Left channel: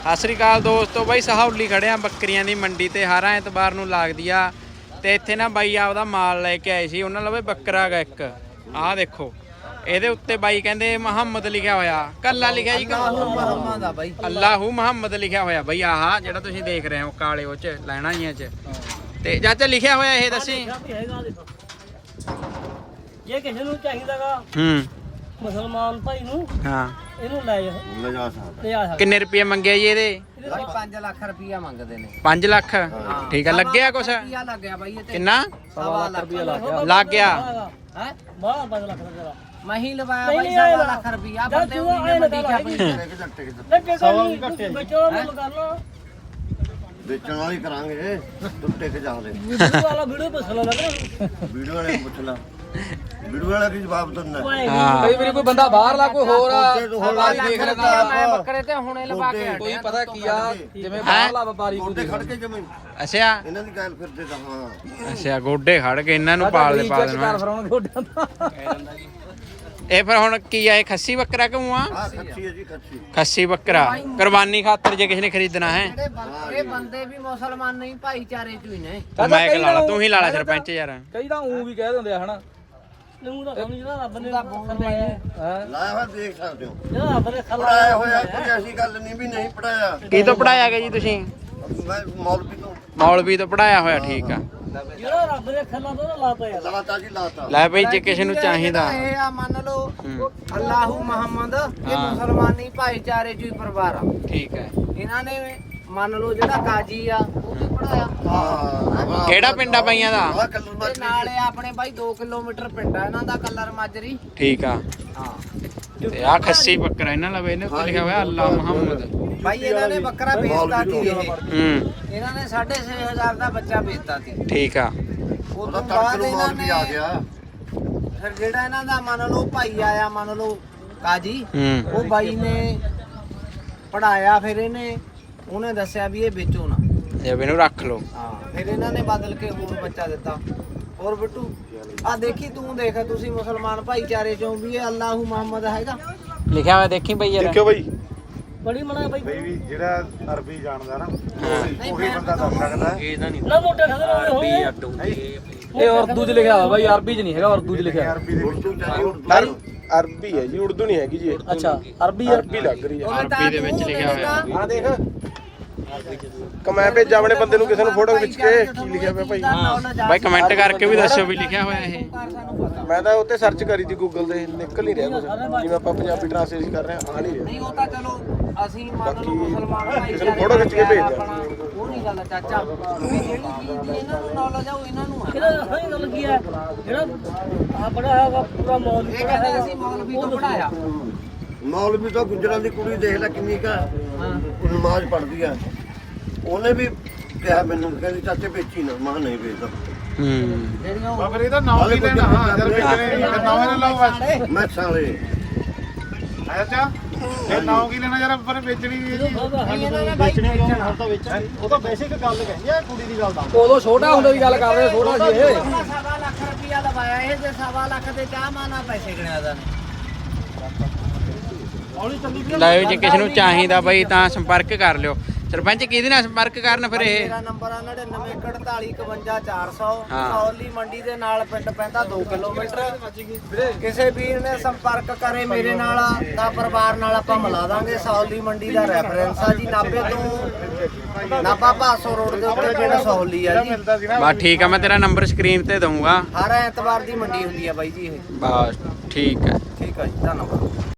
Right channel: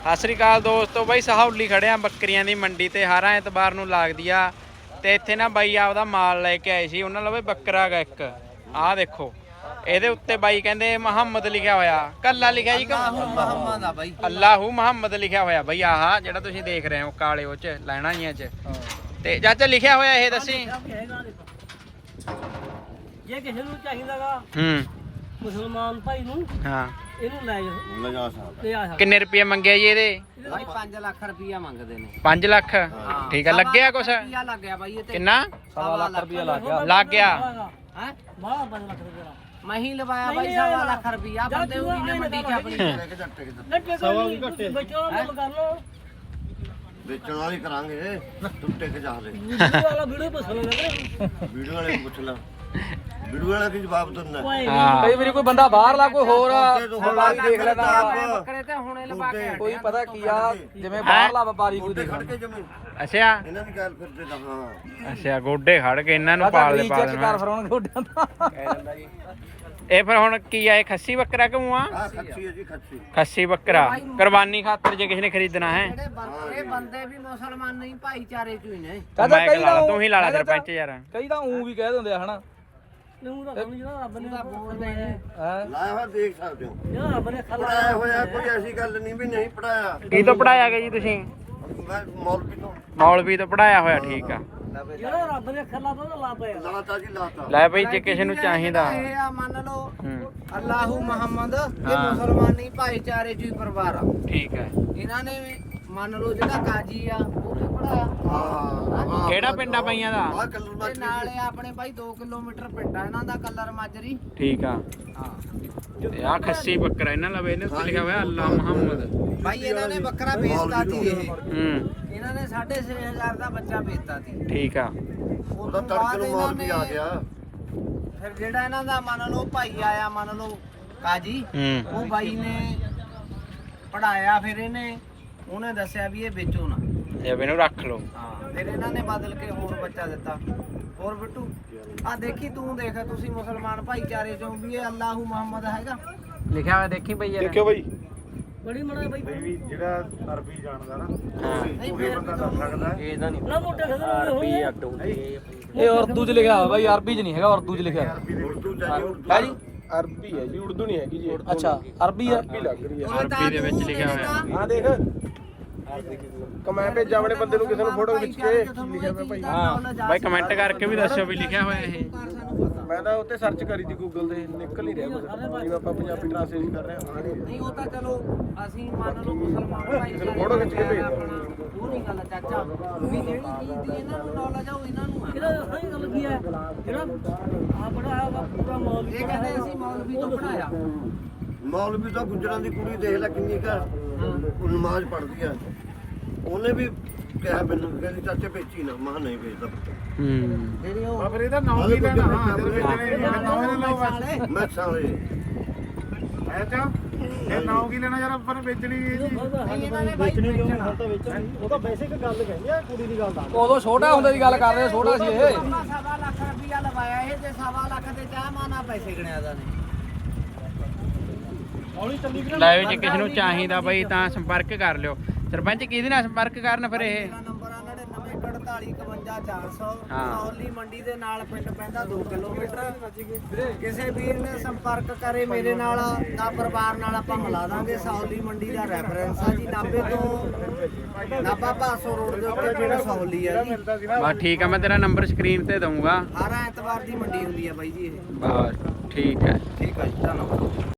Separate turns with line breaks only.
ਸਤਿ ਸ੍ਰੀ ਅਕਾਲ ਦੋਸਤੋ, ਬਾਈ ਸਹੌਲੀ ਖੜੇ ਆ ਬੱਕਰੀਆਂ ਦੀ ਮੰਡੀ ਤੇ ਹਰ ਐਤਵਾਰ ਨੂੰ ਲੱਗਦੀ ਆ। ਤੇ ਇੱਥੇ ਨਾ ਬਾਈ ਆਪਦਾ ਮਾਲ ਲੈ ਕੇ ਆਏ ਸੀ। ਉਹਨਾਂ ਲਵੇ ਬੱਕਰਾ ਗਾ ਇੱਕ, ਆਹ ਦੇਖੋ ਇਹਦੇ ਉੱਤੇ ਬਾਈ ਕਹਿੰਦੇ ਮੁਹੰਮਦ ਲਿਖਿਆ ਹੋਇਆ, ਕੱਲਾ ਲਿਖਿਆ ਜੀ
ਮੁਹੰਮਦ ਆ ਬਾਈ,
ਅੱਲਾਹੂ ਮੁਹੰਮਦ ਲਿਖਿਆ ਹੋਇਆ ਬਾਈ। ਆਹ ਜਿਹੜਾ ਤੁਸੀਂ ਦੇਖ ਰਹੇ ਹੋ ਕਾਲੇ ਉਹ ਚ ਲੈਣਾ ਜੀਆਂ ਚ ਤੇ ਚਾਚਾ ਲਿਖਿਆ ਹੋਇਆ ਇਹ ਦੱਸੀ।
ਜੇ ਕਿਸੇ ਨੂੰ ਚਾਹੀਦਾਗਾ ਮੁਸਲਮਾਨ ਭਾਈ ਨੂੰ,
ਹਾਂ
ਇਹਨੂੰ ਲੈ ਜਾ ਸਕਦਾ।
ਕਿੰਨੇ ਰੁਪਏ ਮੰਗਿਆ ਜੀ ਇਹਦੇ?
ਭਾਈ 5 ਲੱਖ ਰੁਪਇਆ ਮੰਗਦੇ ਨੇ।
5 ਲੱਖ ਠੀਕ ਆ। ਲੱਗਿਆ ਕੁਛ?
ਰੁਪਇਆ ਲੱਗ ਗਿਆ ਬਾਈ ਇਹ ਤੇ।
ਕਿੰਨਾ?
1.5 ਲੱਖ
ਲੱਗ ਗਿਆ
ਹੈ। ਬਾਹ 5 ਲੱਖ ਰੁਪਇਆ ਮੈਂ ਹੀ ਲਵਾਇਆ ਬਾਈ। 1.5 ਲੱਖ ਰੁਪਇਆ ਬੰਦੇ ਉਹਦੀ ਨੇ ਮੰਡੀ ਚ ਆਪਣੀ
ਵੇਚਣ ਵਾਲੀ ਕਰਾਂਗੇ, ਟੁੱਟੇ ਕੇ ਜਾਦੇ
ਵੀਡੀਓ ਵਾਲਾ ਵੀਡੀਓ ਪੁੱਛ ਲੈਣਾ।
ਵੀਡੀਓ ਵਾਲੇ ਨੂੰ ਪੁੱਛ ਲਾ, ਵੀਡੀਓ ਵਾਲਾ ਕੀ ਜਵਾਬ ਦਿੰਦਾ।
ਹਾਂ
ਕਈ ਵਾਰੀ ਕੋਈ ਬੰਦਾ ਬਾਹਰ ਲਾ ਕੋਈ ਹੋਰ
ਦੇਖ ਲੈਂਦਾ ਬੱਕਰੇ ਤੇ ਹੁਣੇ ਲਵਾ ਕੇ
ਕੋਈ ਪਤਾ ਕੀ ਆ, ਜਿਵੇਂ ਬਾਹਰਲਾ ਵਪਾਰੀ
ਗੋਡੇ ਖੜ ਕੇ ਜਮੇ
ਅੱਛਾ
ਇਹਨਾਂ ਦੀ ਗੱਲ ਫਿਰਦੇ ਤਾਂ। ਹਾਂ
ਅੱਛਾ, ਗੋਡੇ ਖੜ ਕੇ ਇਹਨਾਂ ਨੂੰ ਪਾਲਦੇ ਪਾ ਦੇਣਾ। ਇਹ ਫਿਰ ਹੁਣ ਕੀ ਆ, ਇਹ ਖੱਸੀ ਬੱਕਰਾ ਕਿਉਂ ਆ?
ਆ ਖੱਸੀ ਹੈ ਜੀ, ਖੱਸੀ
ਖੱਸੀ ਬੱਕਰਾ ਕੁਰਬਾਨੀ ਖਾਤਰ ਜੇ ਕਿਸੇ ਨੇ ਖਰੀਦਣਾ ਹੈ।
ਇਹ ਬੰਦੇ ਵੀ ਮੁਸਲਮਾਨ ਨਹੀਂ, ਭਾਈਚਾਰੇ ਚ ਹੀ ਨੇ।
ਉਹ ਮੈਂ ਕਿ ਲਾ ਲਾ, ਤੂੰ ਹੀ ਲਾ ਲਾ ਸਰਪੰਚ ਯਾਰ।
ਕਈ ਤਾਂ ਊਂ ਵੀ ਕਹਿ ਦਿੰਦੇ ਆ ਹਨਾ।
ਨੂੰ ਤਾਂ ਸਮਝ ਨਾ ਰੱਬ ਨੇ ਬੋਲਦਾ ਹੈ।
ਲਾਇਆ ਹੋਇਆ ਦੇਖ ਸਕਦੇ ਹੋ।
ਜਿਹੜਾ ਰੱਬ ਨੇ ਖਲਾ
ਪੜਾਇਆ ਹੋਇਆ, ਕੋਈ ਐਸੀ ਗੱਲ ਨਹੀਂ ਵੀ ਨਹੀਂ ਪੜਾਇਆ।
ਕੀ ਤੋਂ ਪੜਾਇਆ ਗਿਆ ਜੀ ਤੁਸੀਂ?
ਮੈਂ ਮੌਲਵੀ ਨੂੰ
ਮੌਲਵੀ ਤੋਂ ਪੜਾਇਆ ਹੋਇਆ, ਠੀਕ ਆ।
ਜਿਹੜਾ ਰੱਬ ਨੇ ਖਲਾ ਤੋਂ ਲਾਤਾ ਯਾਰ।
ਲਾਤਾ ਜੀ, ਲਾਤਾ।
ਲੈ ਬਈ ਜੇ ਕਿਸੇ ਨੂੰ ਚਾਹੀਦਾ।
ਇਹ ਆ ਮੰਨ ਲਓ ਅੱਲਾਹੂ ਮੁਹੰਮਦ, ਇਹ ਮੁਸਲਮਾਨੀ ਭਾਈਚਾਰੇ ਚ ਹੀ ਪਰਿਵਾਰ ਆ।
ਠੀਕ ਹੈ।
ਇਹਨਾਂ ਨੇ ਮੰਨ ਲਓ ਜਿਹੜਾ ਕਾਜੀ ਆ ਉਹ ਵੀ ਪੜਾਇਆ।
ਹਾਂ
ਕਿਹੜਾ ਪਿੰਡ ਆ ਬਾਈਆਂ ਦਾ?
ਆ ਕਲਰ
ਤੇ
ਮਾਜਰੀ
ਨਾਲੇ ਆਪਣੇ ਬਾਈ 2 ਕਿਲੋਮੀਟਰ ਪਿੰਡ ਆ ਇਹਨਾਂ ਦਾ, ਕਲਰ ਮਾਜਰੀ।
ਠੀਕ ਆ।
ਹਾਂ
ਤੇ ਆ ਖੱਸੀ ਬੱਕਰਾ ਇਹਨਾਂ ਲਵੇ ਇਹਨੇ ਲਿਖਿਆ ਹੋਇਆ ਅੱਲਾ ਮੁਹੰਮਦ।
ਬਾਈ ਇਹਨਾਂ ਨੇ ਬੱਕਰਾ ਵੇਚਤਾ ਸੀ ਇਹ। ਇਹਨਾਂ ਨੇ 6,500 ਦਾ ਬੱਚਾ ਵੇਚਤਾ ਸੀ।
ਠੀਕ ਆ।
ਉਹਦਾ ਤੜਕ ਨੂੰ ਮੌਲਵੀ ਆ ਗਿਆ।
ਫਿਰ ਜਿਹੜਾ ਇਹਨਾਂ ਦਾ ਮੰਨ ਲਓ ਭਾਈ ਆਇਆ, ਮੰਨ ਲਓ ਕਾਜੀ, ਉਹ ਬਾਈ ਨੇ ਪੜਾਇਆ। ਫਿਰ ਉਹਨੇ ਦੱਸਿਆ ਵੀ ਇਹ ਵੇਚੋ ਨਾ,
ਇਹ ਇਹਨੂੰ ਰੱਖ ਲਓ।
ਹਾਂ ਫਿਰ ਇਹਨਾਂ ਨੇ ਬਦਲ ਕੇ ਹੋਰ ਬੱਚਾ ਦਿੱਤਾ। ਹੋਰ ਬਿੱਟੂ ਆ ਦੇਖੀ, ਤੂੰ ਦੇਖ, ਤੁਸੀਂ ਮੁਸਲਮਾਨ ਭਾਈਚਾਰੇ ਚੋਂ ਵੀ ਇਹ ਅੱਲਾਹੂ ਮੁਹੰਮਦ ਹੈਗਾ
ਲਿਖਿਆ ਹੋਇਆ, ਦੇਖੀ ਬਈ ਯਾਰ।
ਦੇਖਿਓ ਬਾਈ,
ਬੜੀ ਮਣਾ ਬਾਈ
ਵੀ ਜਿਹੜਾ ਅਰਬੀ ਜਾਣਦਾ ਨਾ
ਨਹੀਂ ਫਿਰ
ਬੰਦਾ ਦੱਸ ਸਕਦਾ।
ਨਾ ਮੋਟੇ ਖਦਰ ਹੋਈ।
ਇਹ ਉਰਦੂ 'ਚ ਲਿਖਿਆ ਹੋਇਆ ਬਾਈ, ਅਰਬੀ 'ਚ ਨਹੀਂ ਹੈਗਾ। ਉਰਦੂ 'ਚ ਲਿਖਿਆ
ਅਰਬੀ ਦੇ ਵਿੱਚ
ਉਰਦੂ ਚਾਹੀ ਉਰਦੂ
ਅਰਬੀ ਹੈ ਜੀ, ਉਰਦੂ ਨਹੀਂ ਹੈਗੀ ਜੀ।
ਅੱਛਾ, ਅਰਬੀ
ਅਰਬੀ ਲੱਗ ਰਹੀ ਹੈ।
ਅਰਬੀ ਦੇ ਵਿੱਚ ਲਿਖਿਆ ਹੋਇਆ।
ਆ ਦੇਖ, ਕਮੈਂ ਭੇਜਾਂ ਆਪਣੇ ਬੰਦੇ ਨੂੰ, ਕਿਸੇ ਨੂੰ ਫੋਟੋ ਖਿੱਚ ਕੇ ਕੀ ਲਿਖਿਆ ਪਿਆ ਭਾਈ।
ਬਾਈ ਕਮੈਂਟ ਕਰਕੇ ਵੀ ਦੱਸਿਓ ਵੀ ਲਿਖਿਆ ਹੋਇਆ ਇਹ।
ਮੈਂ ਤਾਂ ਉੱਤੇ ਸਰਚ ਕਰੀ ਸੀ ਗੂਗਲ ਤੇ, ਨਿਕਲ ਨਹੀਂ ਰਿਹਾ ਕੁਝ। ਜਿਵੇਂ ਆਪਾਂ ਪੰਜਾਬੀ ਟ੍ਰਾਂਸਲੇਸ਼ਨ ਕਰ ਰਹੇ ਹਾਂ, ਆ ਨਹੀਂ ਰਿਹਾ।
ਨਹੀਂ ਉਹ ਤਾਂ ਚਲੋ ਅਸੀਂ ਮੰਨ ਲਓ ਮੁਸਲਮਾਨ ਭਾਈਚਾਰੇ
ਫੋਟੋ ਖਿੱਚ ਕੇ ਭੇਜ ਦਿਓ।
ਆਪਣਾ ਉਹ ਨਹੀਂ ਗੱਲ ਚਾਚਾ, ਵੀ ਜਿਹੜੀ ਚੀਜ਼ ਦੀ ਇਹਨਾਂ ਨੂੰ ਨੌਲੇਜ ਆ ਉਹ ਇਹਨਾਂ ਨੂੰ ਆ। ਜਿਹੜਾ ਸਹੀ ਗੱਲ ਕੀ ਹੈ, ਜਿਹੜਾ ਆ ਪੜਿਆ ਹੋਗਾ ਪੂਰਾ ਮੌਲਵੀ, ਇਹ ਕਹਿੰਦੇ ਅਸੀਂ ਮੌਲਵੀ ਤੋਂ ਪੜਾਇਆ।
ਮੌਲਵੀ ਤਾਂ ਗੁੱਜਰਾਂ ਦੀ ਕੁੜੀ ਦੇਖ ਲੈ ਕਿੰਨੀ ਕਾ ਉਹ ਨਮਾਜ਼ ਪੜ੍ਹਦੀ ਆ। ਉਹਨੇ ਵੀ ਕਿਹਾ ਮੈਨੂੰ, ਕਹਿੰਦੀ ਚਾਚੇ ਵੇਚੀ ਨਾ। ਮੈਂ ਨਹੀਂ ਵੇਚਦਾ।
ਜਿਹੜੀਆਂ ਉਹ
ਪਰ ਇਹਦਾ ਨਾਮ
ਹਾਲੇ
ਕੀ
ਕੁਝ
ਲੈਣਾ?
ਨਹੀਂ
ਨਾਮ ਨਾ ਲਾਓ
ਮੈਂ ਸਾਲੇ
ਅੱਛਾ, ਇਹ ਨਾਮ ਕੀ ਲੈਣਾ ਯਾਰ? ਪਰ ਵੇਚਣੀ ਨਹੀਂ ਜੀ।
ਇਹਨਾਂ ਨੇ ਬਾਈ ਵੇਚਣਾ।
ਉਹ ਤਾਂ ਬੇਸਿਕ ਗੱਲ ਕਹਿੰਦੀ ਆ, ਕੁੜੀ ਦੀ ਗੱਲ ਦਾ।
ਉਦੋਂ ਛੋਟਾ ਹੁੰਦੇ ਦੀ ਗੱਲ ਕਰਦੇ, ਛੋਟਾ ਸੀ ਇਹ।
1.5 ਲੱਖ ਰੁਪਇਆ ਲਵਾਇਆ ਇਹ, ਤੇ 1.5 ਲੱਖ ਦੇ ਚਾਹ ਮਾਨਾ ਪੈਸੇ ਗਿਣਿਆ ਦਾ ਨੇ।
ਲੈ ਜੇ ਕਿਸੇ ਨੂੰ ਚਾਹੀਦਾ ਬਾਈ ਤਾਂ ਸੰਪਰਕ ਕਰ ਲਿਓ। ਸਰਪੰਚ ਕਿਹਦੇ ਨਾਲ ਸੰਪਰਕ ਕਰਨ ਫਿਰ ਇਹ?
ਮੇਰਾ ਨੰਬਰ ਆ 9941451400।
ਹਾਂ।
ਸੌਲੀ ਮੰਡੀ ਦੇ ਨਾਲ ਪਿੰਡ ਪੈਂਦਾ 2 ਕਿਲੋਮੀਟਰ। ਕਿਸੇ ਵੀਰ ਨੇ ਸੰਪਰਕ ਕਰੇ ਮੇਰੇ ਨਾਲ ਤਾਂ ਪਰਿਵਾਰ ਨਾਲ ਆਪਾਂ ਮਿਲਾ ਦਾਂਗੇ। ਸੌਲੀ ਮੰਡੀ ਦਾ ਰੈਫਰੈਂਸ ਆ ਜੀ, ਨਾਭੇ ਤੋਂ ਨਾਭਾ ਭਾਸੋ ਰੋਡ ਦੇ ਉੱਤੇ ਪਿੰਡ ਸੌਲੀ ਆ ਜੀ।
ਬਸ ਠੀਕ ਆ, ਮੈਂ ਤੇਰਾ ਨੰਬਰ ਸਕਰੀਨ ਤੇ ਦਊਂਗਾ।
ਹਰ ਐਤਵਾਰ ਦੀ ਮੰਡੀ ਹੁੰਦੀ ਆ ਬਾਈ ਜੀ ਇਹ।
ਬਸ ਠੀਕ ਹੈ।
ਠੀਕ ਆ ਜੀ, ਧੰਨਵਾਦ।